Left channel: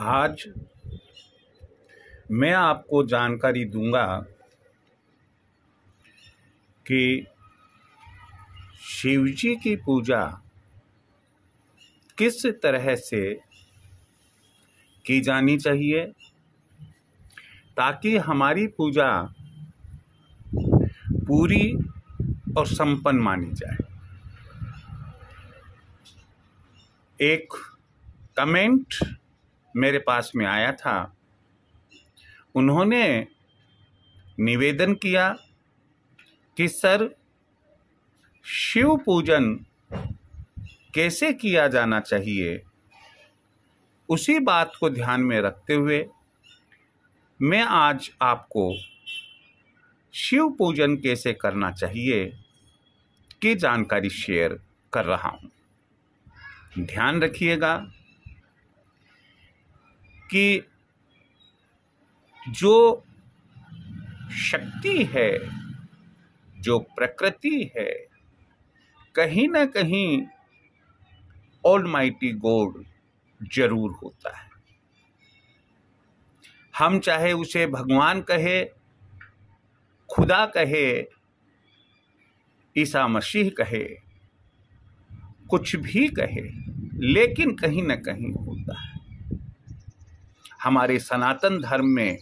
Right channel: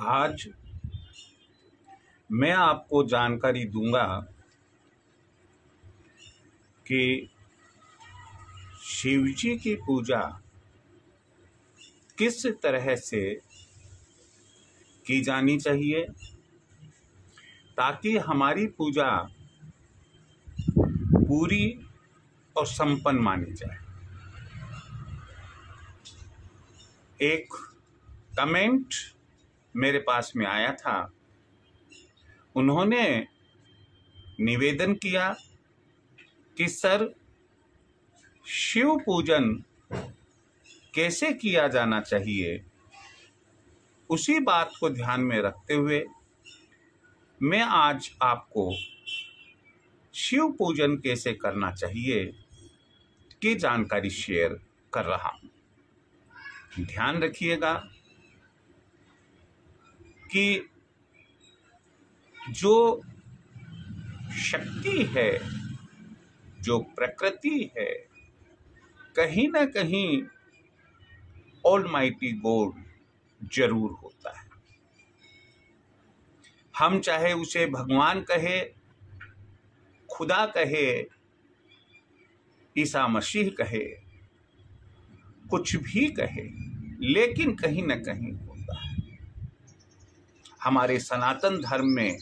आज मैं आपको जानकारी दूंगा कि शिव जी की पूजा किस तरह से की जानी चाहिए ताकि हमारी पूजा पूरी और संपन्न मानी जाए। एक कमेंट मेरे पास में आया था, उन्होंने निवेदन किया कि सर शिव पूजन कैसे किया जाना चाहिए। उसी बात को ध्यान में रखते हुए मैं आज आपको शिव पूजन कैसे करना चाहिए की जानकारी शेयर कर रहा हूं। ध्यान रखिएगा कि जो शक्ति है, जो प्रकृति है, कहीं ना कहीं ऑलमाइटी गॉड जरूर होता है। हम चाहे उसे भगवान कहे, खुदा कहे, ईसा मसीह कहे, कुछ भी कहे, लेकिन कहीं ना कहीं होता है। हमारे सनातन धर्म में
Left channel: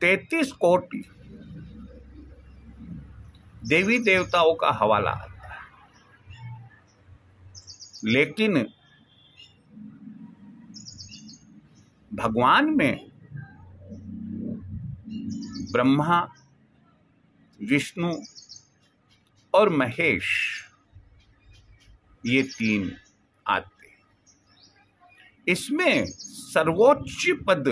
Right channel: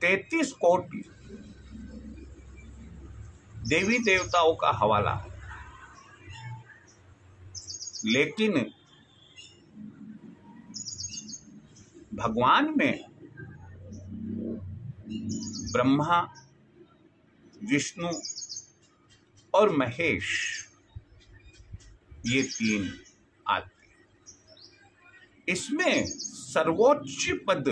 33 कोटि देवी देवताओं का हवाला आता है, लेकिन भगवान में ब्रह्मा, विष्णु और महेश ये 3 आते। इसमें सर्वोच्च पद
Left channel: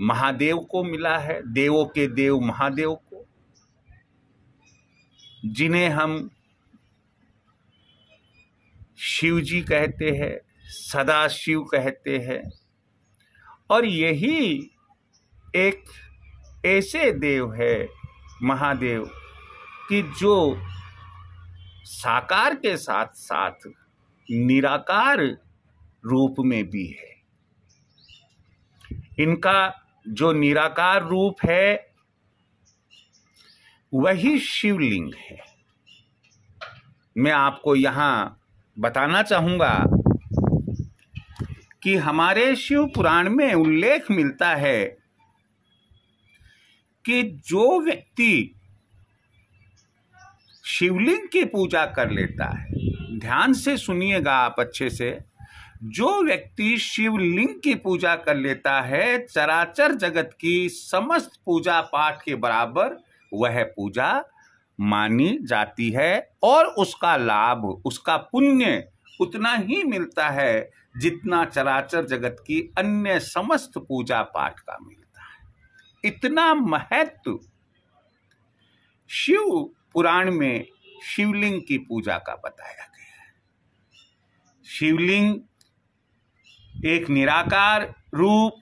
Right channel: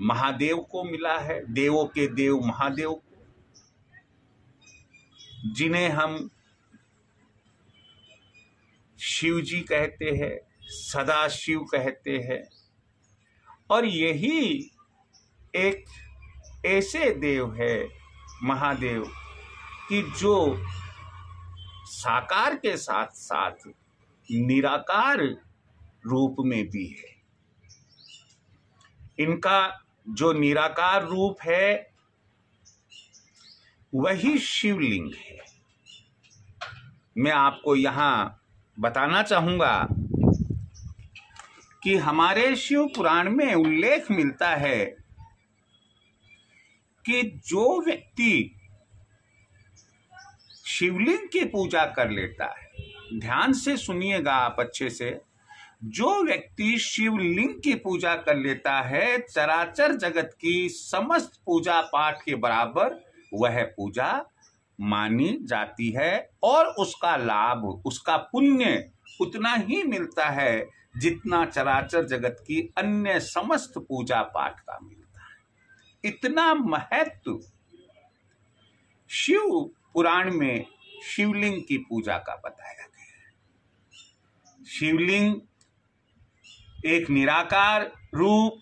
महादेव को मिला है, देवों के देव महादेव को, जिन्हें हम शिव जी कहते हैं, सदा शिव कहते हैं। और यही एक ऐसे देव है महादेव कि जो साकार के साथ साथ निराकार रूप में भी है। इनका जो निराकार रूप है वही शिवलिंग है। मैं आपको यहां बताना चाहूंगा कि हमारे शिव पुराण में उल्लेख मिलता है कि जो व्यक्ति शिवलिंग की पूजा कर लेता है, ध्यान से सुनिएगा आप अच्छे से, जो व्यक्ति शिवलिंग की पूजा कर लेता है, चराचर जगत की समस्त पूजा पाठ के बराबर वह पूजा मानी जाती है और उसका लाभ, उसका पुण्य उतना ही मिलता है जितना चराचर जगत की अन्य समस्त पूजा पाठ का मिलता है। इतना महत्व शिव पुराण में शिवलिंग की पूजा का बताया गया है। शिवलिंग एक निराकार रूप,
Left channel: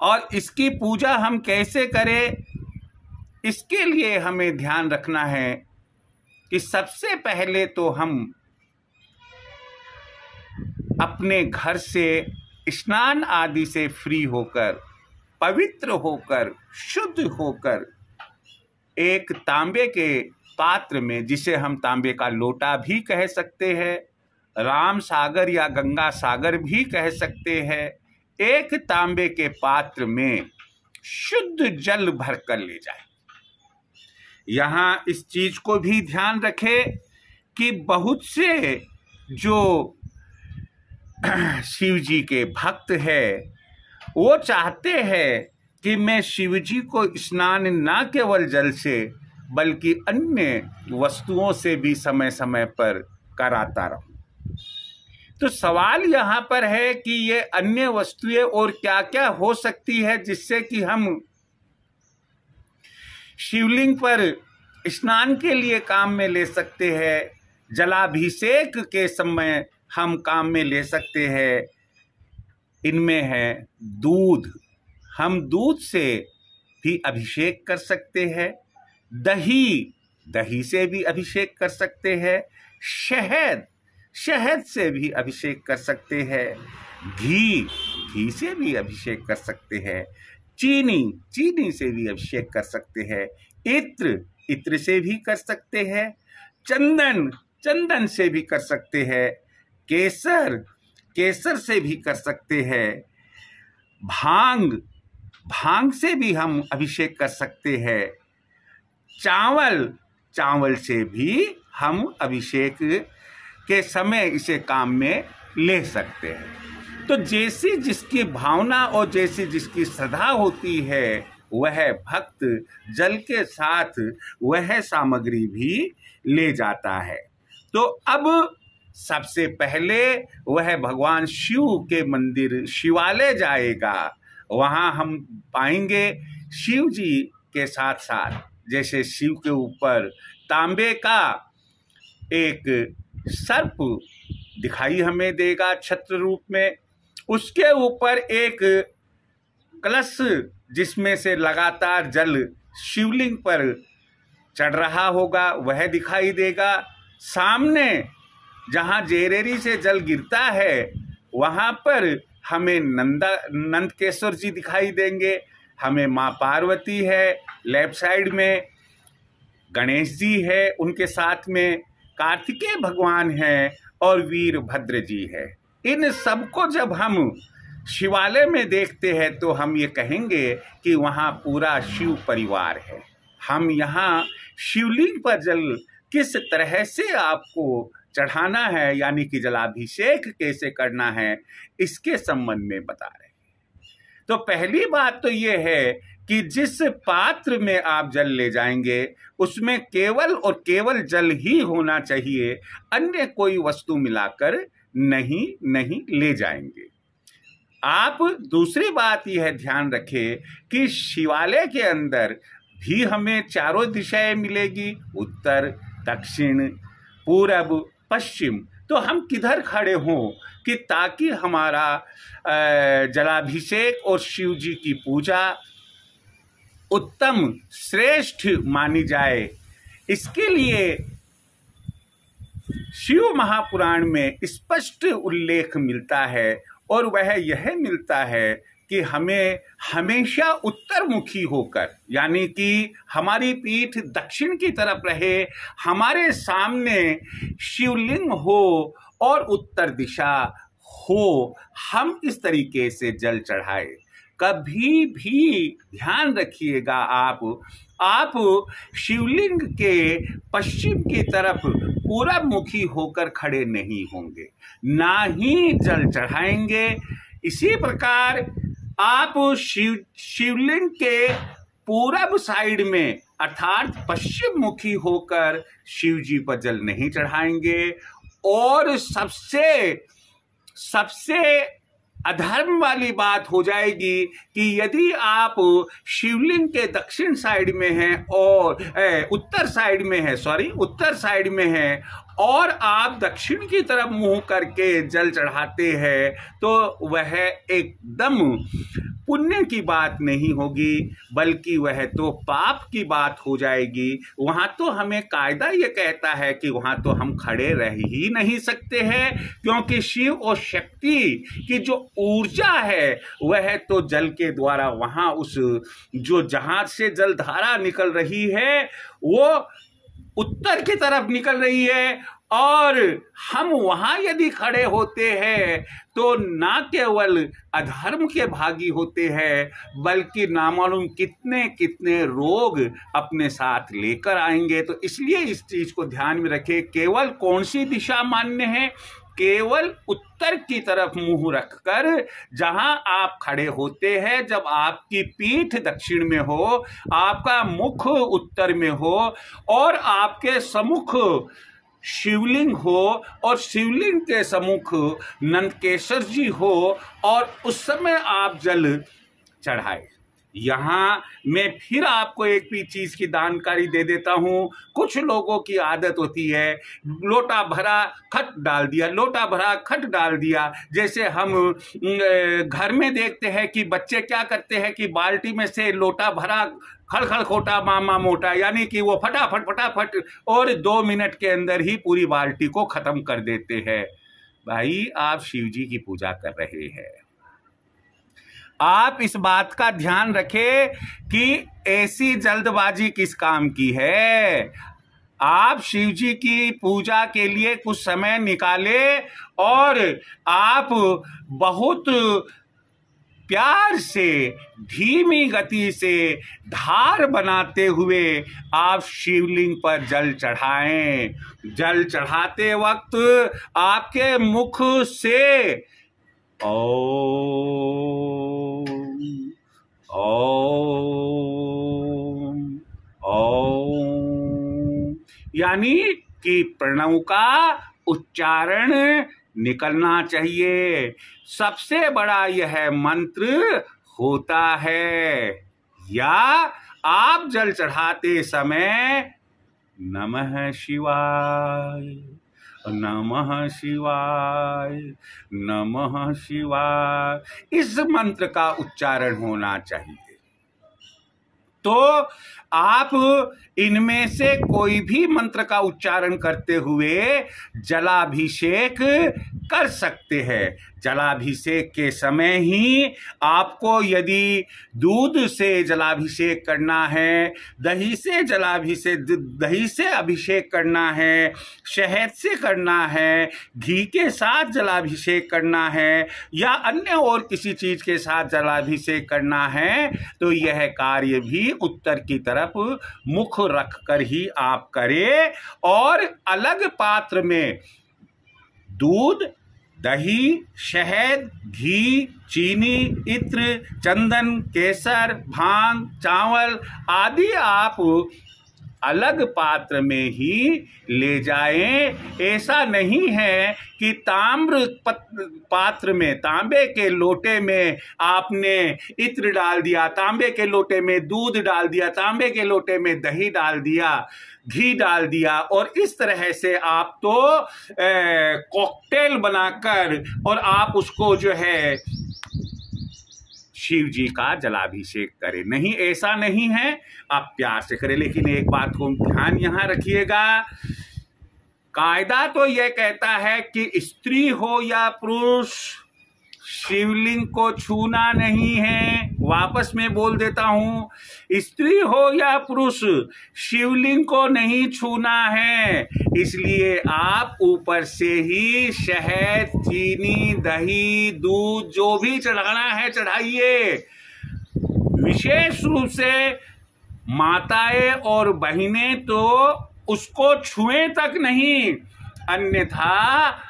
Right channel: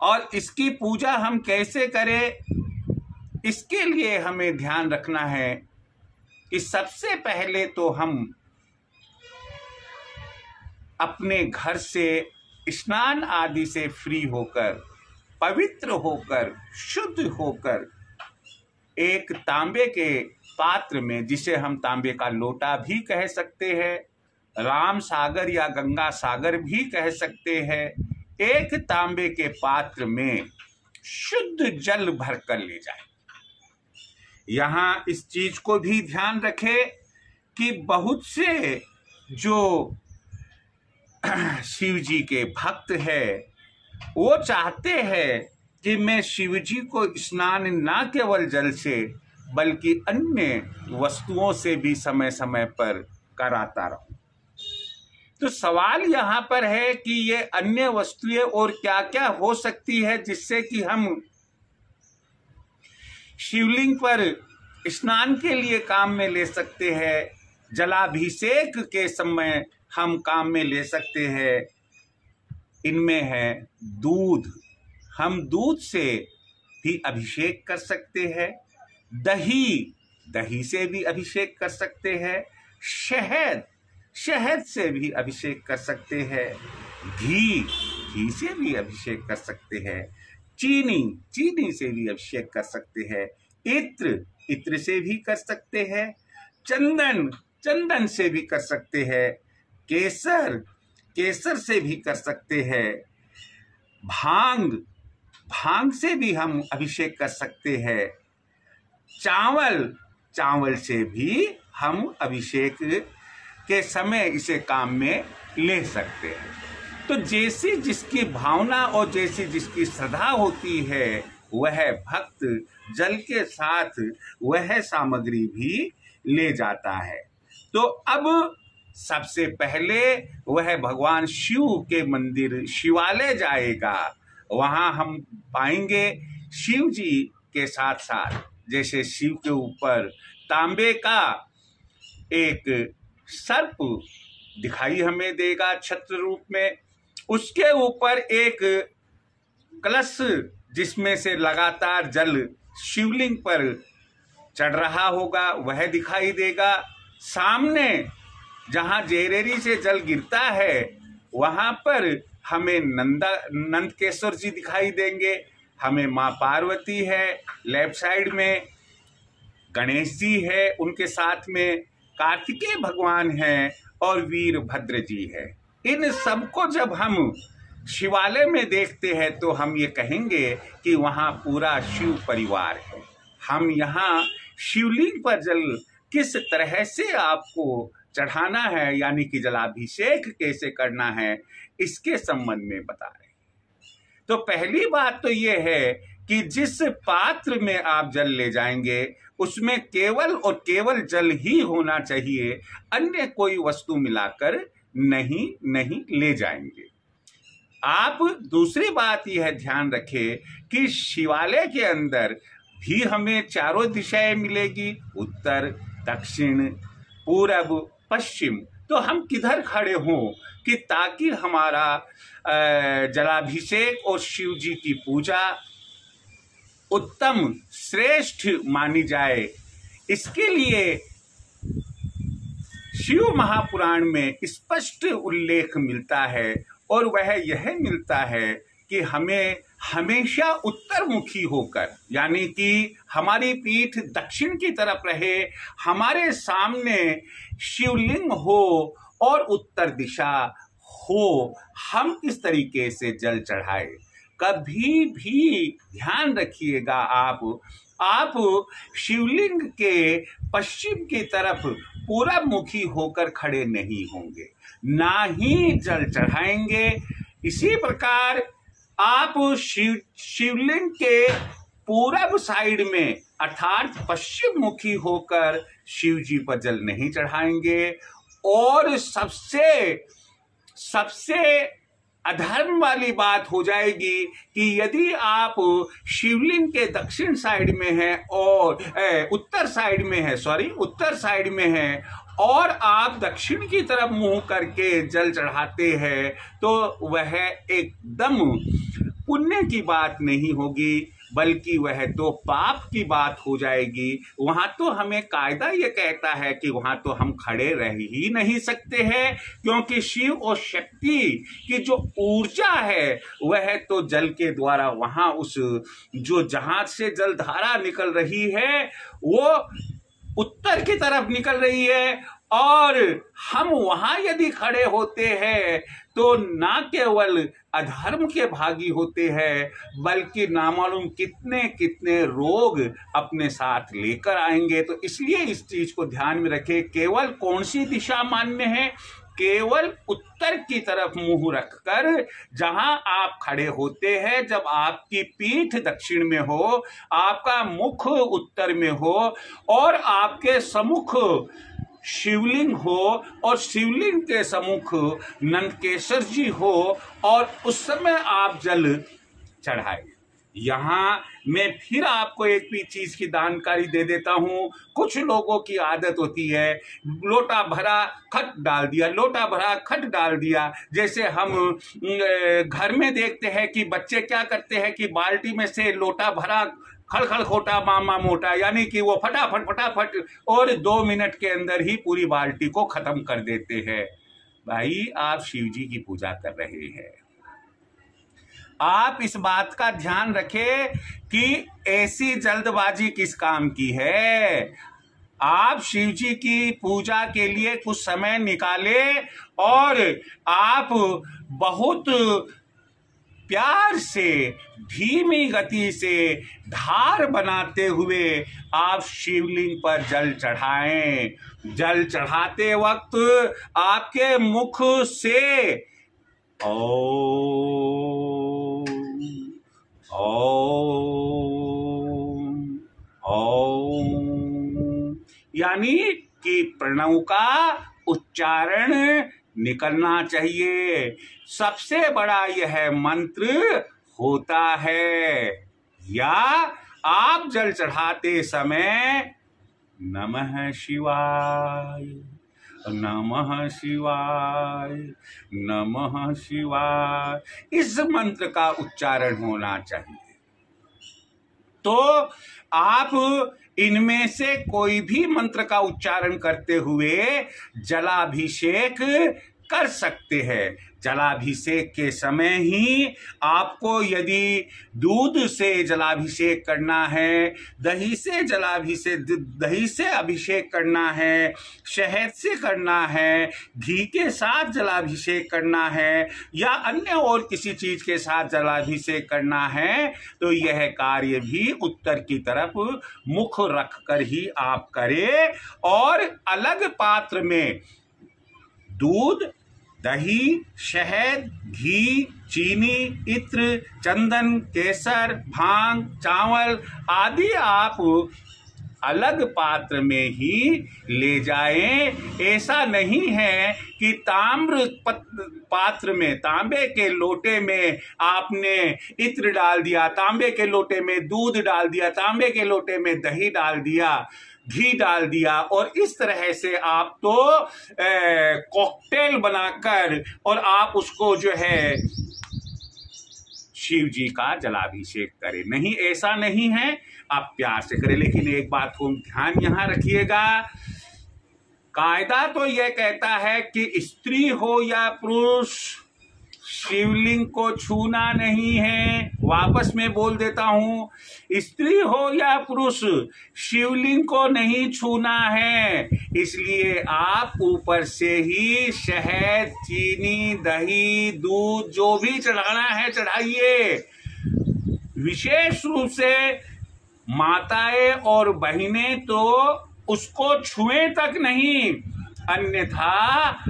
और इसकी पूजा हम कैसे करें, इसके लिए हमें ध्यान रखना है कि सबसे पहले तो हम अपने घर से स्नान आदि से फ्री होकर, पवित्र होकर, शुद्ध होकर एक तांबे के पात्र में, जिसे हम तांबे का लोटा भी कह सकते हैं, राम सागर या गंगा सागर भी कह सकते हैं, एक तांबे के पात्र में शुद्ध जल भर कर ले जाए। यहां इस चीज को भी ध्यान रखें कि बहुत से जो शिव जी के भक्त है वो चाहते हैं कि मैं शिव जी को स्नान न केवल जल से बल्कि अन्य वस्तुओं से भी समय समय पर कराता रहूं। तो सवाल यहाँ पर है कि ये अन्य वस्तुएं और क्या क्या हो सकती है जिससे कि हम शिवलिंग पर स्नान के लिए काम में ले सकते हैं, जलाभिषेक के समय हम काम में ले सकते हैं। इनमें है दूध, हम दूध से भी अभिषेक कर सकते हैं, दही दही से भी अभिषेक कर सकते हैं, शहद से भी अभिषेक कर सकते हैं, घी से भी अभिषेक कर सकते हैं, चीनी से भी अभिषेक कर सकते हैं, इत्र से भी कर सकते हैं, चंदन से भी कर सकते हैं, केसर से भी कर सकते हैं, भांग से भी हम अभिषेक कर सकते हैं, चावल से भी हम अभिषेक के समय इसे काम में ले सकते हैं। तो जैसी जिसकी भावना और जैसी जिसकी श्रद्धा होती है, वह भक्त जल के साथ वह सामग्री भी ले जाता है। तो अब सबसे पहले वह भगवान शिव के मंदिर शिवालय जाएगा। वहां हम पाएंगे शिव जी के साथ साथ, जैसे शिव के ऊपर तांबे का एक सर्प दिखाई हमें देगा छत्र रूप में, उसके ऊपर एक कलश जिसमें से लगातार जल शिवलिंग पर चढ़ रहा होगा वह दिखाई देगा। सामने जहां जेरेरी से जल गिरता है वहां पर हमें नंदकेश्वर जी दिखाई देंगे, हमें माँ पार्वती है, लेफ्ट साइड में गणेश जी है, उनके साथ में कार्तिकेय भगवान हैं और वीरभद्र जी है। इन सबको जब हम शिवालय में देखते हैं तो हम ये कहेंगे कि वहाँ पूरा शिव परिवार है। हम यहाँ शिवलिंग पर जल किस तरह से आपको चढ़ाना है, यानी कि जलाभिषेक कैसे करना है, इसके संबंध में बता रहे हैं। तो पहली बात तो ये है कि जिस पात्र में आप जल ले जाएंगे उसमें केवल और केवल जल ही होना चाहिए, अन्य कोई वस्तु मिलाकर नहीं ले जाएंगे। आप दूसरी बात यह ध्यान रखें कि शिवालय के अंदर भी हमें चारों दिशाएं मिलेगी, उत्तर, दक्षिण, पूरब, पश्चिम। तो हम किधर खड़े हों कि ताकि हमारा जलाभिषेक और शिव जी की पूजा उत्तम श्रेष्ठ मानी जाए। इसके लिए शिव महापुराण में स्पष्ट उल्लेख मिलता है और वह यह मिलता है कि हमें हमेशा उत्तरमुखी होकर, यानी कि हमारी पीठ दक्षिण की तरफ रहे, हमारे सामने शिवलिंग हो और उत्तर दिशा हो, हम इस तरीके से जल चढ़ाए। कभी भी ध्यान रखिएगा आप शिवलिंग के पश्चिम की तरफ पूरब मुखी होकर खड़े नहीं होंगे, ना ही जल चढ़ाएंगे। इसी प्रकार आप शिवलिंग के पूरब साइड में अर्थात पश्चिम मुखी होकर शिव जी पर जल नहीं चढ़ाएंगे। और सबसे अधर्म वाली बात हो जाएगी कि यदि आप शिवलिंग के दक्षिण साइड में हैं और उत्तर साइड में हैं और आप दक्षिण की तरफ मुंह करके जल चढ़ाते हैं, तो वह एकदम पुण्य की बात नहीं होगी, बल्कि वह तो पाप की बात हो जाएगी। वहां तो हमें कायदा ये कहता है कि वहां तो हम खड़े रह ही नहीं सकते हैं, क्योंकि शिव और शक्ति की जो ऊर्जा है वह तो जल के द्वारा वहां उस जो जहाज से जल धारा निकल रही है वो उत्तर की तरफ निकल रही है, और हम वहां यदि खड़े होते हैं तो ना केवल अधर्म के भागी होते हैं, बल्कि नामालूम कितने कितने रोग अपने साथ लेकर आएंगे। तो इसलिए इस चीज को ध्यान में रखें। केवल कौन सी दिशा मान्य है? केवल उत्तर की तरफ मुंह रखकर जहां आप खड़े होते हैं, जब आपकी पीठ दक्षिण में हो, आपका मुख उत्तर में हो और आपके सम्मुख शिवलिंग हो और शिवलिंग के सम्मुख नंदकेश्वर जी हो, और उस समय आप जल चढ़ाए। यहां मैं फिर आपको एक भी चीज की जानकारी दे देता हूं। कुछ लोगों की आदत होती है लोटा भरा खट डाल दिया। जैसे हम घर में देखते हैं कि बच्चे क्या करते हैं कि बाल्टी में से लोटा भरा खड़खड़ मामा मोटा, यानी कि वो फटाफट फटाफट और 2 मिनट के अंदर ही पूरी बाल्टी को खत्म कर देते हैं। भाई, आप शिव जी की पूजा कर रहे हैं। आप इस बात का ध्यान रखें कि ऐसी जल्दबाजी किस काम की है। आप शिव जी की पूजा के लिए कुछ समय निकालें और आप बहुत प्यार से, धीमी गति से धार बनाते हुए आप शिवलिंग पर जल चढ़ाएं। जल चढ़ाते वक्त आपके मुख से ओम ओम ओम यानी कि प्रणव का उच्चारण निकलना चाहिए। सबसे बड़ा यह मंत्र होता है। या आप जल चढ़ाते समय नमः शिवाय, नमः शिवाय, नमः शिवाय इस मंत्र का उच्चारण होना चाहिए। तो आप इनमें से कोई भी मंत्र का उच्चारण करते हुए जलाभिषेक कर सकते हैं। जलाभिषेक के समय ही आपको यदि दूध से जलाभिषेक करना है, दही से अभिषेक करना है, शहद से करना है, घी के साथ जलाभिषेक करना है या अन्य और किसी चीज के साथ जलाभिषेक करना है, तो यह कार्य भी उत्तर की तरफ मुख रखकर ही आप करें। और अलग पात्र में दूध, दही, शहद, घी, चीनी, इत्र, चंदन, केसर, भांग, चावल आदि आप अलग पात्र में ही ले जाएं। ऐसा नहीं है कि ताम्र पात्र में, तांबे के लोटे में आपने इत्र डाल दिया, तांबे के लोटे में दूध डाल दिया, तांबे के लोटे में दही डाल दिया, घी डाल दिया और इस तरह से आप तो कॉकटेल बनाकर और आप उसको जो है शिव जी का जलाभिषेक करें। नहीं, ऐसा नहीं है, आप प्यार से करें। लेकिन एक बात को ध्यान यहां रखिएगा, कायदा तो यह कहता है कि स्त्री हो या पुरुष शिवलिंग को छूना नहीं है। वापस मैं बोल देता हूं, स्त्री हो या पुरुष शिवलिंग को नहीं छूना है। इसलिए आप ऊपर से ही शहद, चीनी, दही, दूध जो भी चढ़ाना है चढ़ाइए। विशेष रूप से माताएं और बहनें तो उसको छुए तक नहीं, अन्यथा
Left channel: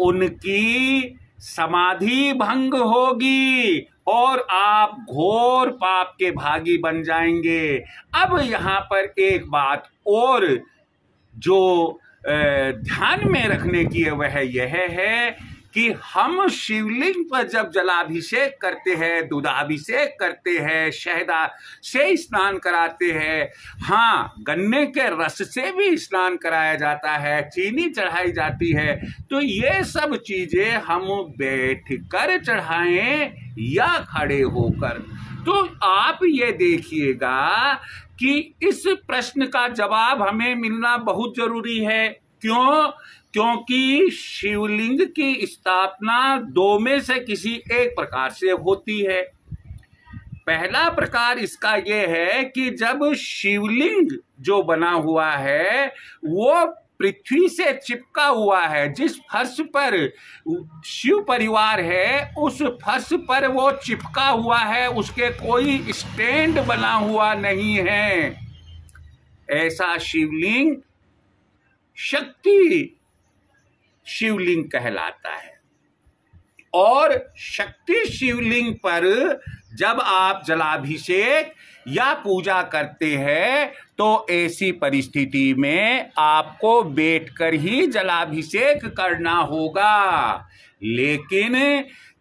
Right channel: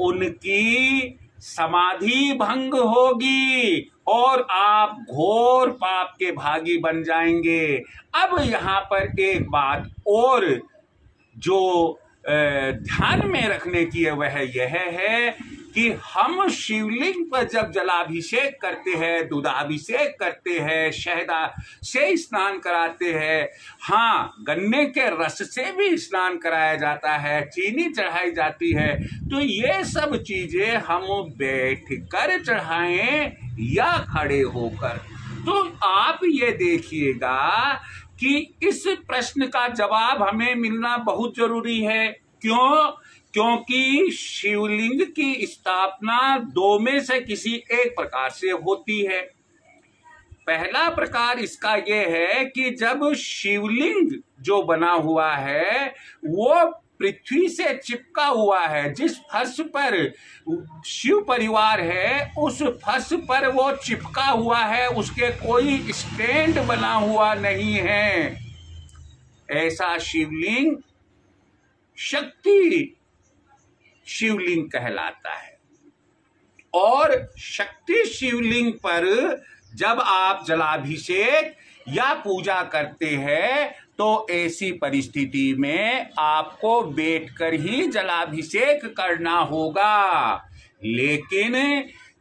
उनकी समाधि भंग होगी और आप घोर पाप के भागी बन जाएंगे। अब यहां पर एक बात और जो ध्यान में रखने की है वह यह है कि हम शिवलिंग पर जब जलाभिषेक करते हैं, दूधाभिषेक करते हैं, शहदा से स्नान कराते हैं, हाँ गन्ने के रस से भी स्नान कराया जाता है, चीनी चढ़ाई जाती है, तो ये सब चीजें हम बैठकर चढ़ाएं या खड़े होकर। तो आप ये देखिएगा कि इस प्रश्न का जवाब हमें मिलना बहुत जरूरी है। क्यों? क्योंकि शिवलिंग की स्थापना दो में से किसी एक प्रकार से होती है। पहला प्रकार इसका यह है कि जब शिवलिंग जो बना हुआ है वो पृथ्वी से चिपका हुआ है, जिस फर्श पर शिव परिवार है उस फर्श पर वो चिपका हुआ है, उसके कोई स्टैंड बना हुआ नहीं है। ऐसा शिवलिंग शक्ति शिवलिंग कहलाता है। और शक्ति शिवलिंग पर जब आप जलाभिषेक या पूजा करते हैं तो ऐसी परिस्थिति में आपको बैठकर ही जलाभिषेक करना होगा। लेकिन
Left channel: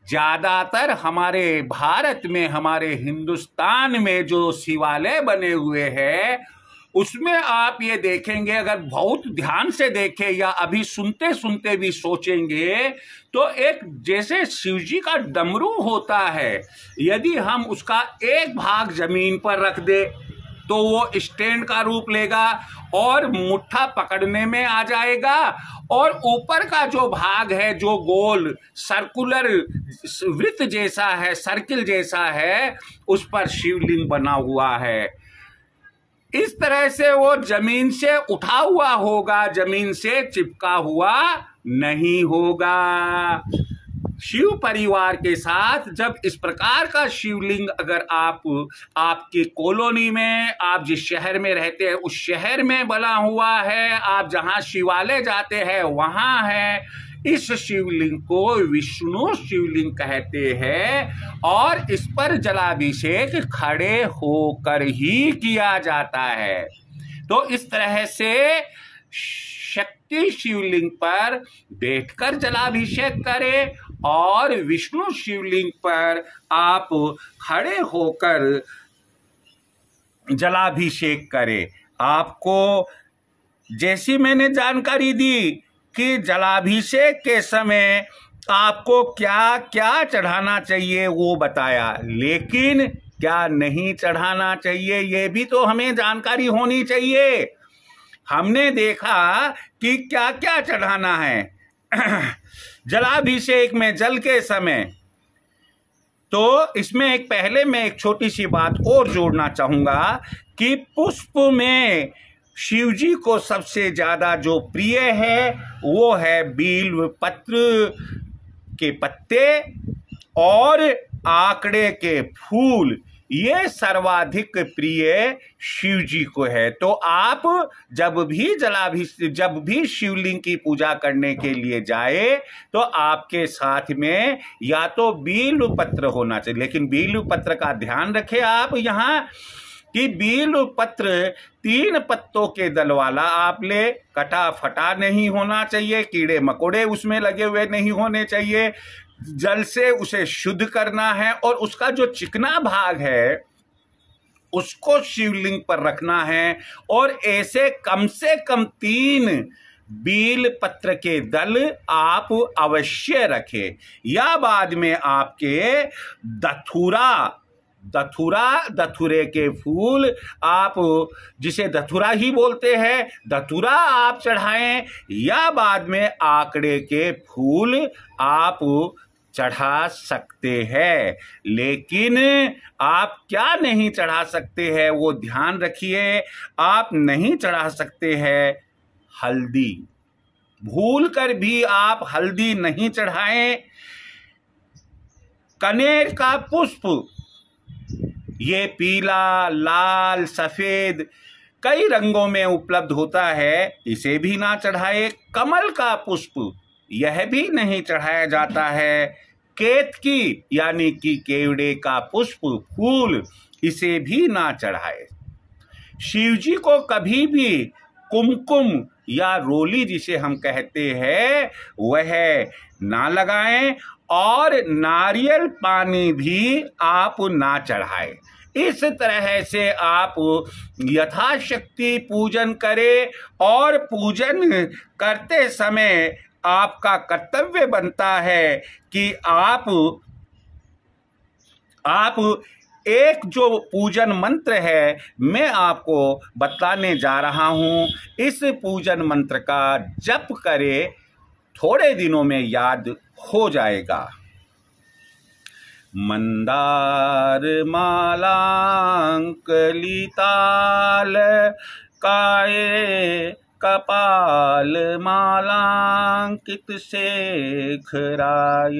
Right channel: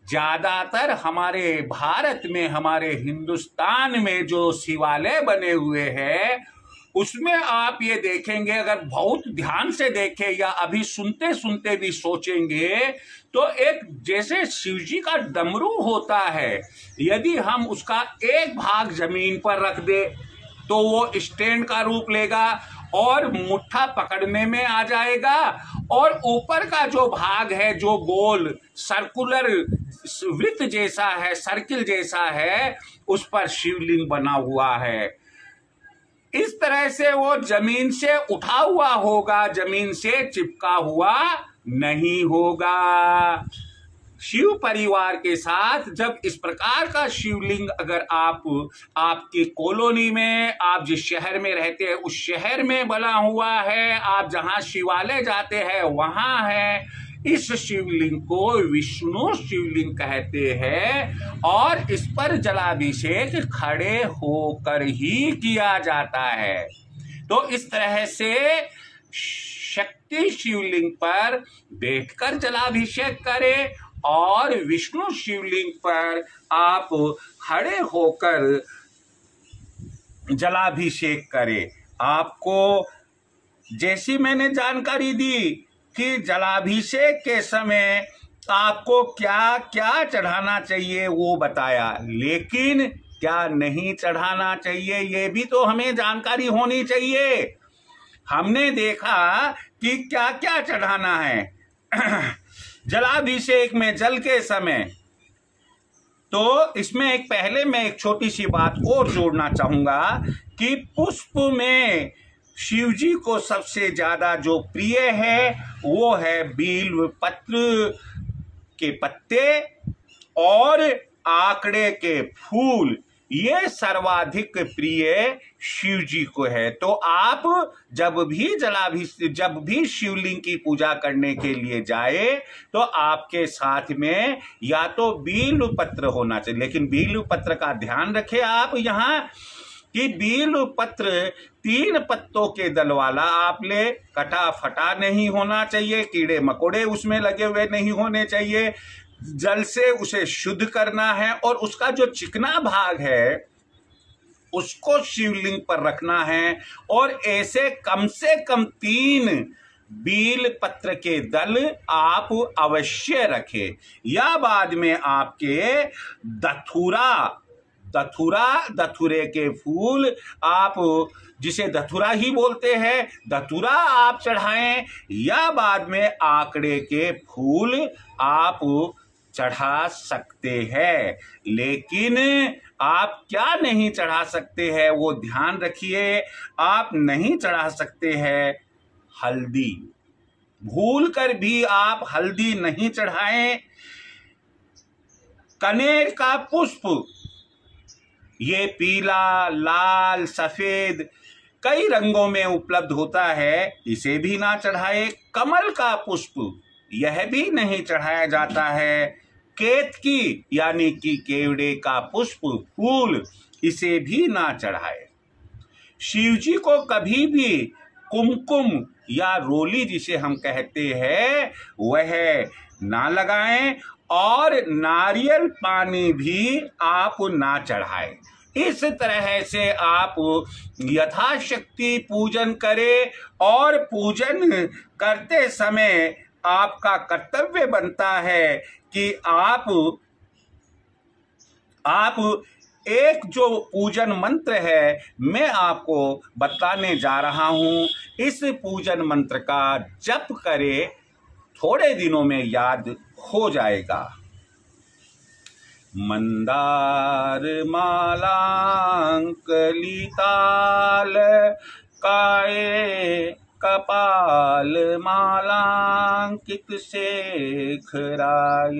ज्यादातर हमारे भारत में, हमारे हिंदुस्तान में जो शिवालय बने हुए हैं उसमें आप ये देखेंगे, अगर बहुत ध्यान से देखें या अभी सुनते सुनते भी सोचेंगे, तो एक जैसे शिव जी का डमरू होता है, यदि हम उसका एक भाग जमीन पर रख दे तो वो स्टैंड का रूप लेगा और मुट्ठा पकड़ने में आ जाएगा, और ऊपर का जो भाग है, जो गोल सर्कुलर वृत्त जैसा है, सर्किल जैसा है, उस पर शिवलिंग बना हुआ है। इस तरह से वो जमीन से उठा हुआ होगा, जमीन से चिपका हुआ नहीं होगा। शिव परिवार के साथ जब इस प्रकार का शिवलिंग अगर आपकी कॉलोनी में, आप जिस शहर में रहते हैं उस शहर में बना हुआ है, आप जहां शिवालय जाते हैं वहां है, इस शिवलिंग को विष्णु शिवलिंग कहते हैं और इस पर जलाभिषेक खड़े होकर ही किया जाता है। तो इस तरह से शक्ति शिवलिंग पर बैठकर जलाभिषेक करें और विष्णु शिवलिंग पर आप खड़े होकर जलाभिषेक करें। आपको जैसी मैंने जानकारी दी कि जलाभिषेक के समय आपको क्या क्या चढ़ाना चाहिए वो बताया, लेकिन क्या नहीं चढ़ाना चाहिए ये भी तो हमें जानकारी होनी चाहिए। हमने देखा कि क्या क्या चढ़ाना है जलाभिषेक में जल के समय। तो इसमें पहले मैं एक छोटी सी बात और जोड़ना चाहूंगा कि पुष्प में शिव जी को सबसे ज्यादा जो प्रिय है वो है बील्व पत्र के पत्ते और आकड़े के फूल, ये सर्वाधिक प्रिय शिव जी को है। तो आप जब भी शिवलिंग की पूजा करने के लिए जाए तो आपके साथ में या तो बील्व पत्र होना चाहिए, लेकिन बील्व पत्र का ध्यान रखें आप यहाँ कि बील्व पत्र 3 पत्तों के दल वाला आप ले, कटा फटा नहीं होना चाहिए, कीड़े मकोड़े उसमें लगे हुए नहीं होने चाहिए, जल से उसे शुद्ध करना है और उसका जो चिकना भाग है उसको शिवलिंग पर रखना है। और ऐसे कम से कम 3 बील पत्र के दल आप अवश्य रखें। या बाद में आपके धतूरे के फूल, आप जिसे धतूरा ही बोलते हैं, धतूरा आप चढ़ाएं, या बाद में आकड़े के फूल आप चढ़ा सकते हैं। लेकिन आप क्या नहीं चढ़ा सकते हैं वो ध्यान रखिए। आप नहीं चढ़ा सकते हैं हल्दी, भूल कर भी आप हल्दी नहीं चढ़ाएं। कनेर का पुष्प, ये पीला, लाल, सफेद कई रंगों में उपलब्ध होता है, इसे भी ना चढ़ाए। कमल का पुष्प, यह भी नहीं चढ़ाया जाता है। केतकी यानी कि केवड़े का पुष्प फूल, इसे भी ना चढ़ाए। शिव जी को कभी भी कुमकुम या रोली जिसे हम कहते हैं वह ना लगाएं और नारियल पानी भी आप ना चढ़ाएं। इस तरह से आप यथाशक्ति पूजन करें और पूजन करते समय आपका कर्तव्य बनता है कि आप एक जो पूजन मंत्र है मैं आपको बताने जा रहा हूं, इस पूजन मंत्र का जप करें, थोड़े दिनों में याद हो जाएगा। मंदार मालांकलिताल काये कपाल मालांकित शेखराय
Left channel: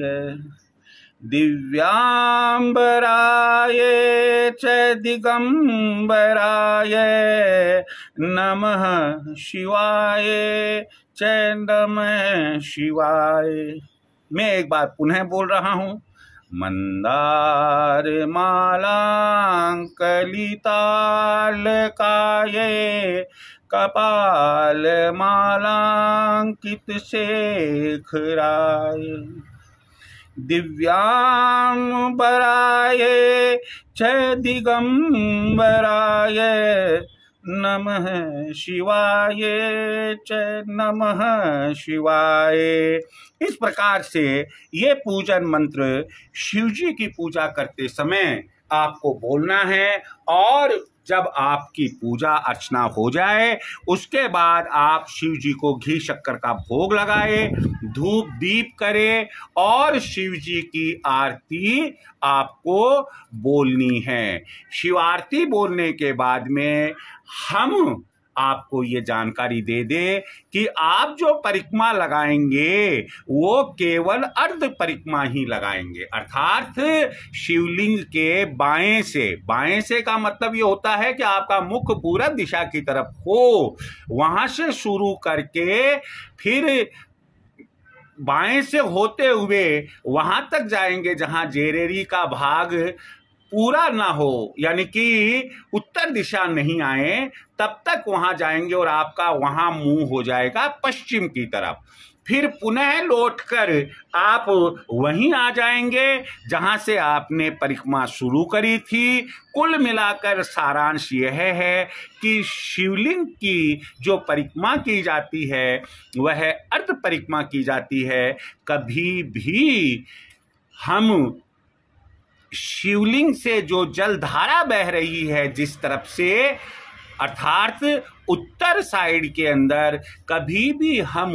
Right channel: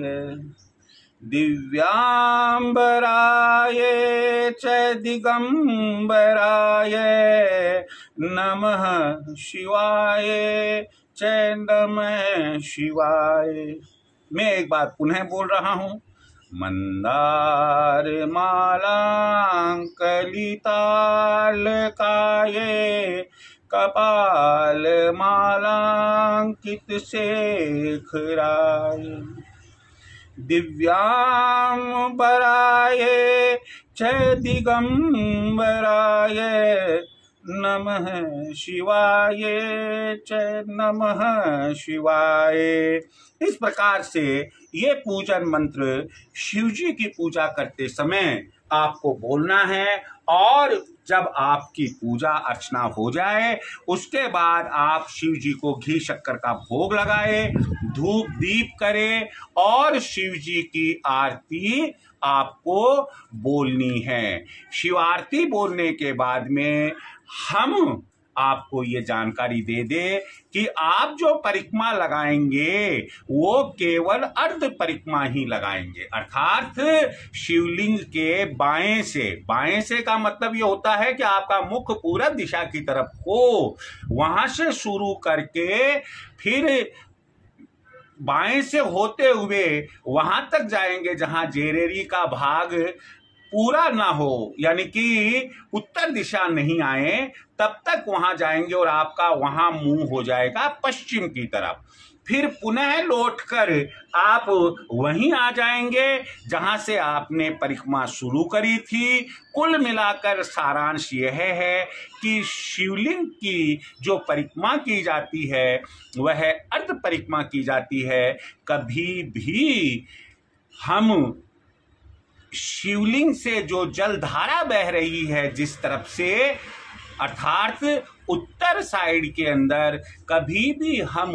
दिव्यांबराय च दिगंबराय नमः शिवाय च नमः शिवाय। मैं एक बार पुनः बोल रहा हूं। मंदार मालांकलिताल काये कपाल मालांकित शेखराय दिव्यांबराय च दिगंबराय नमः शिवाय च नमः शिवाय। इस प्रकार से ये पूजन मंत्र शिवजी की पूजा करते समय आपको बोलना है। और जब आपकी पूजा अर्चना हो जाए उसके बाद आप शिव जी को घी शक्कर का भोग लगाए, धूप दीप करें और शिव जी की आरती आपको बोलनी है। शिव आरती बोलने के बाद में हम आपको ये जानकारी दे दे कि आप जो परिक्रमा लगाएंगे वो केवल अर्ध परिक्रमा ही लगाएंगे, अर्थात शिवलिंग के बाएं से का मतलब ये होता है कि आपका मुख पूरब दिशा की तरफ हो। वहां से शुरू करके फिर बाएं से होते हुए वहां तक जाएंगे जहां जेरेरी का भाग पूरा ना हो, यानी कि उत्तर दिशा नहीं आए, तब तक वहां जाएंगे और आपका वहां मुंह हो जाएगा पश्चिम की तरफ। फिर पुनः लौटकर आप वहीं आ जाएंगे जहां से आपने परिक्रमा शुरू करी थी। कुल मिलाकर सारांश यह है कि शिवलिंग की जो परिक्रमा की जाती है वह अर्ध परिक्रमा की जाती है। कभी भी हम शिवलिंग से जो जलधारा बह रही है जिस तरफ से, अर्थात उत्तर साइड के अंदर, कभी भी हम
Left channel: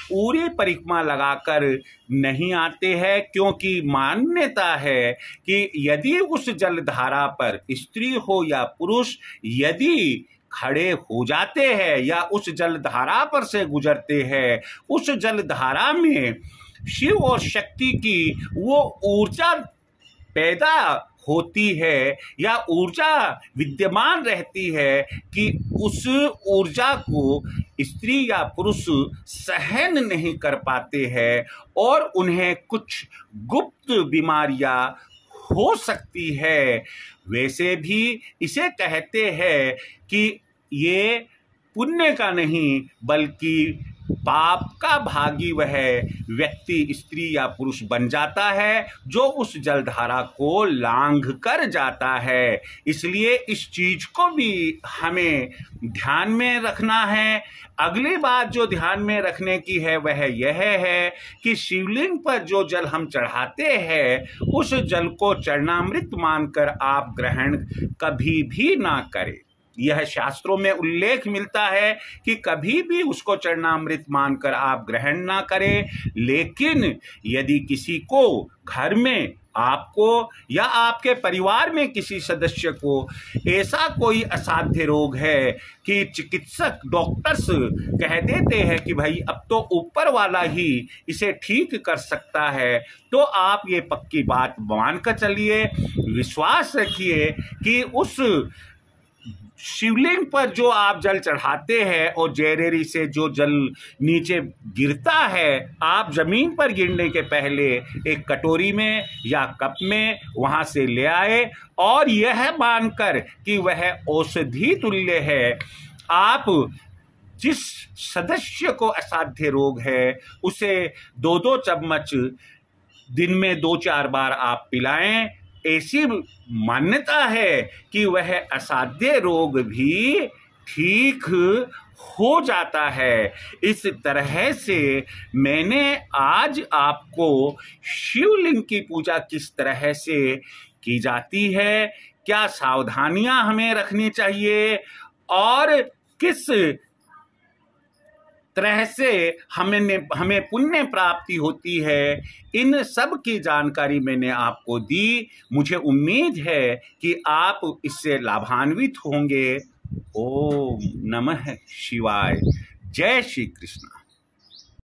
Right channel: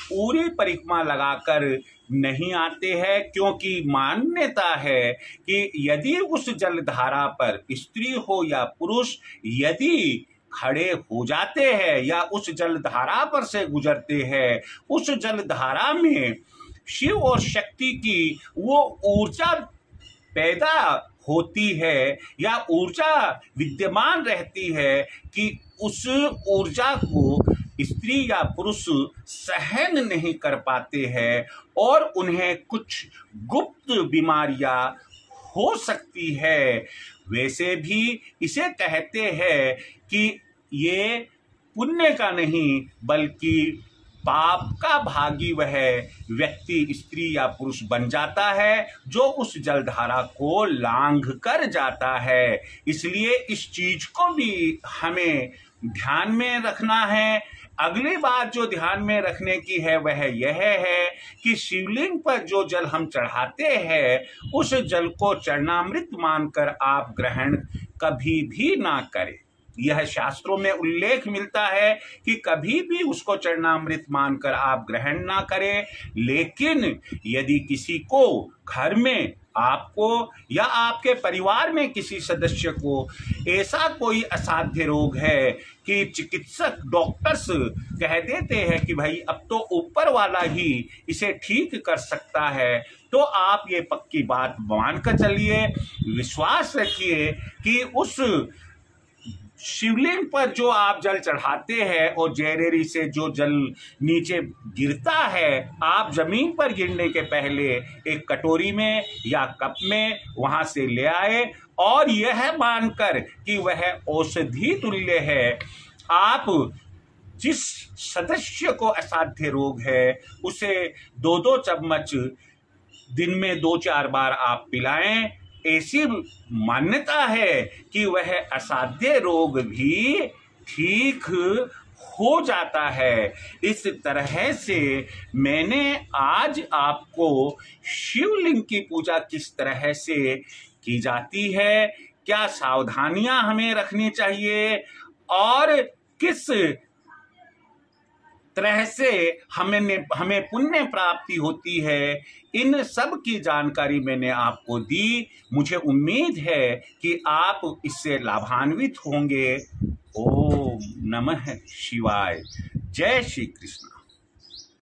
पूरी परिक्रमा लगाकर नहीं आते हैं, क्योंकि मान्यता है कि यदि उस जलधारा पर स्त्री हो या पुरुष यदि खड़े हो जाते हैं या उस जलधारा पर से गुजरते हैं, उस जलधारा में शिव और शक्ति की वो ऊर्जा पैदा होती है या ऊर्जा विद्यमान रहती है कि उस ऊर्जा को स्त्री या पुरुष सहन नहीं कर पाते हैं और उन्हें कुछ गुप्त बीमारियां हो सकती है। वैसे भी इसे कहते हैं कि ये पुण्य का नहीं बल्कि पाप का भागी वह व्यक्ति स्त्री या पुरुष बन जाता है जो उस जलधारा को लांघ कर जाता है। इसलिए इस चीज को भी हमें ध्यान में रखना है। अगली बात जो ध्यान में रखने की है वह यह है कि शिवलिंग पर जो जल हम चढ़ाते हैं उस जल को चरणामृत मानकर आप ग्रहण कभी भी ना करें। यह शास्त्रों में उल्लेख मिलता है कि कभी भी उसको चरणामृत मानकर आप ग्रहण ना करें। लेकिन यदि किसी को घर में, आपको या आपके परिवार में किसी सदस्य को ऐसा कोई असाध्य रोग है कि चिकित्सक डॉक्टर्स कह देते हैं कि भाई अब तो ऊपर वाला ही इसे ठीक कर सकता है, तो आप ये पक्की बात मानकर चलिए, विश्वास रखिए कि उस शिवलिंग पर जो आप जल चढ़ाते हैं और जैरेरी से जो जल नीचे गिरता है, आप जमीन पर गिरने के पहले एक कटोरी में या कप में वहां से ले आए और यह मानकर कि वह औषधि तुल्य है। आप जिस सदस्य को असाध्य रोग है उसे 2-2 चम्मच दिन में 2-4 बार आप पिलाएं। ऐसी मान्यता है कि वह असाध्य रोग भी ठीक हो जाता है। इस तरह से मैंने आज आपको शिवलिंग की पूजा किस तरह से की जाती है, क्या सावधानियां हमें रखनी चाहिए और किस तरह से हमें पुण्य प्राप्ति होती है, इन सब की जानकारी मैंने आपको दी। मुझे उम्मीद है कि आप इससे लाभान्वित होंगे। ओम नमः शिवाय। जय श्री कृष्ण।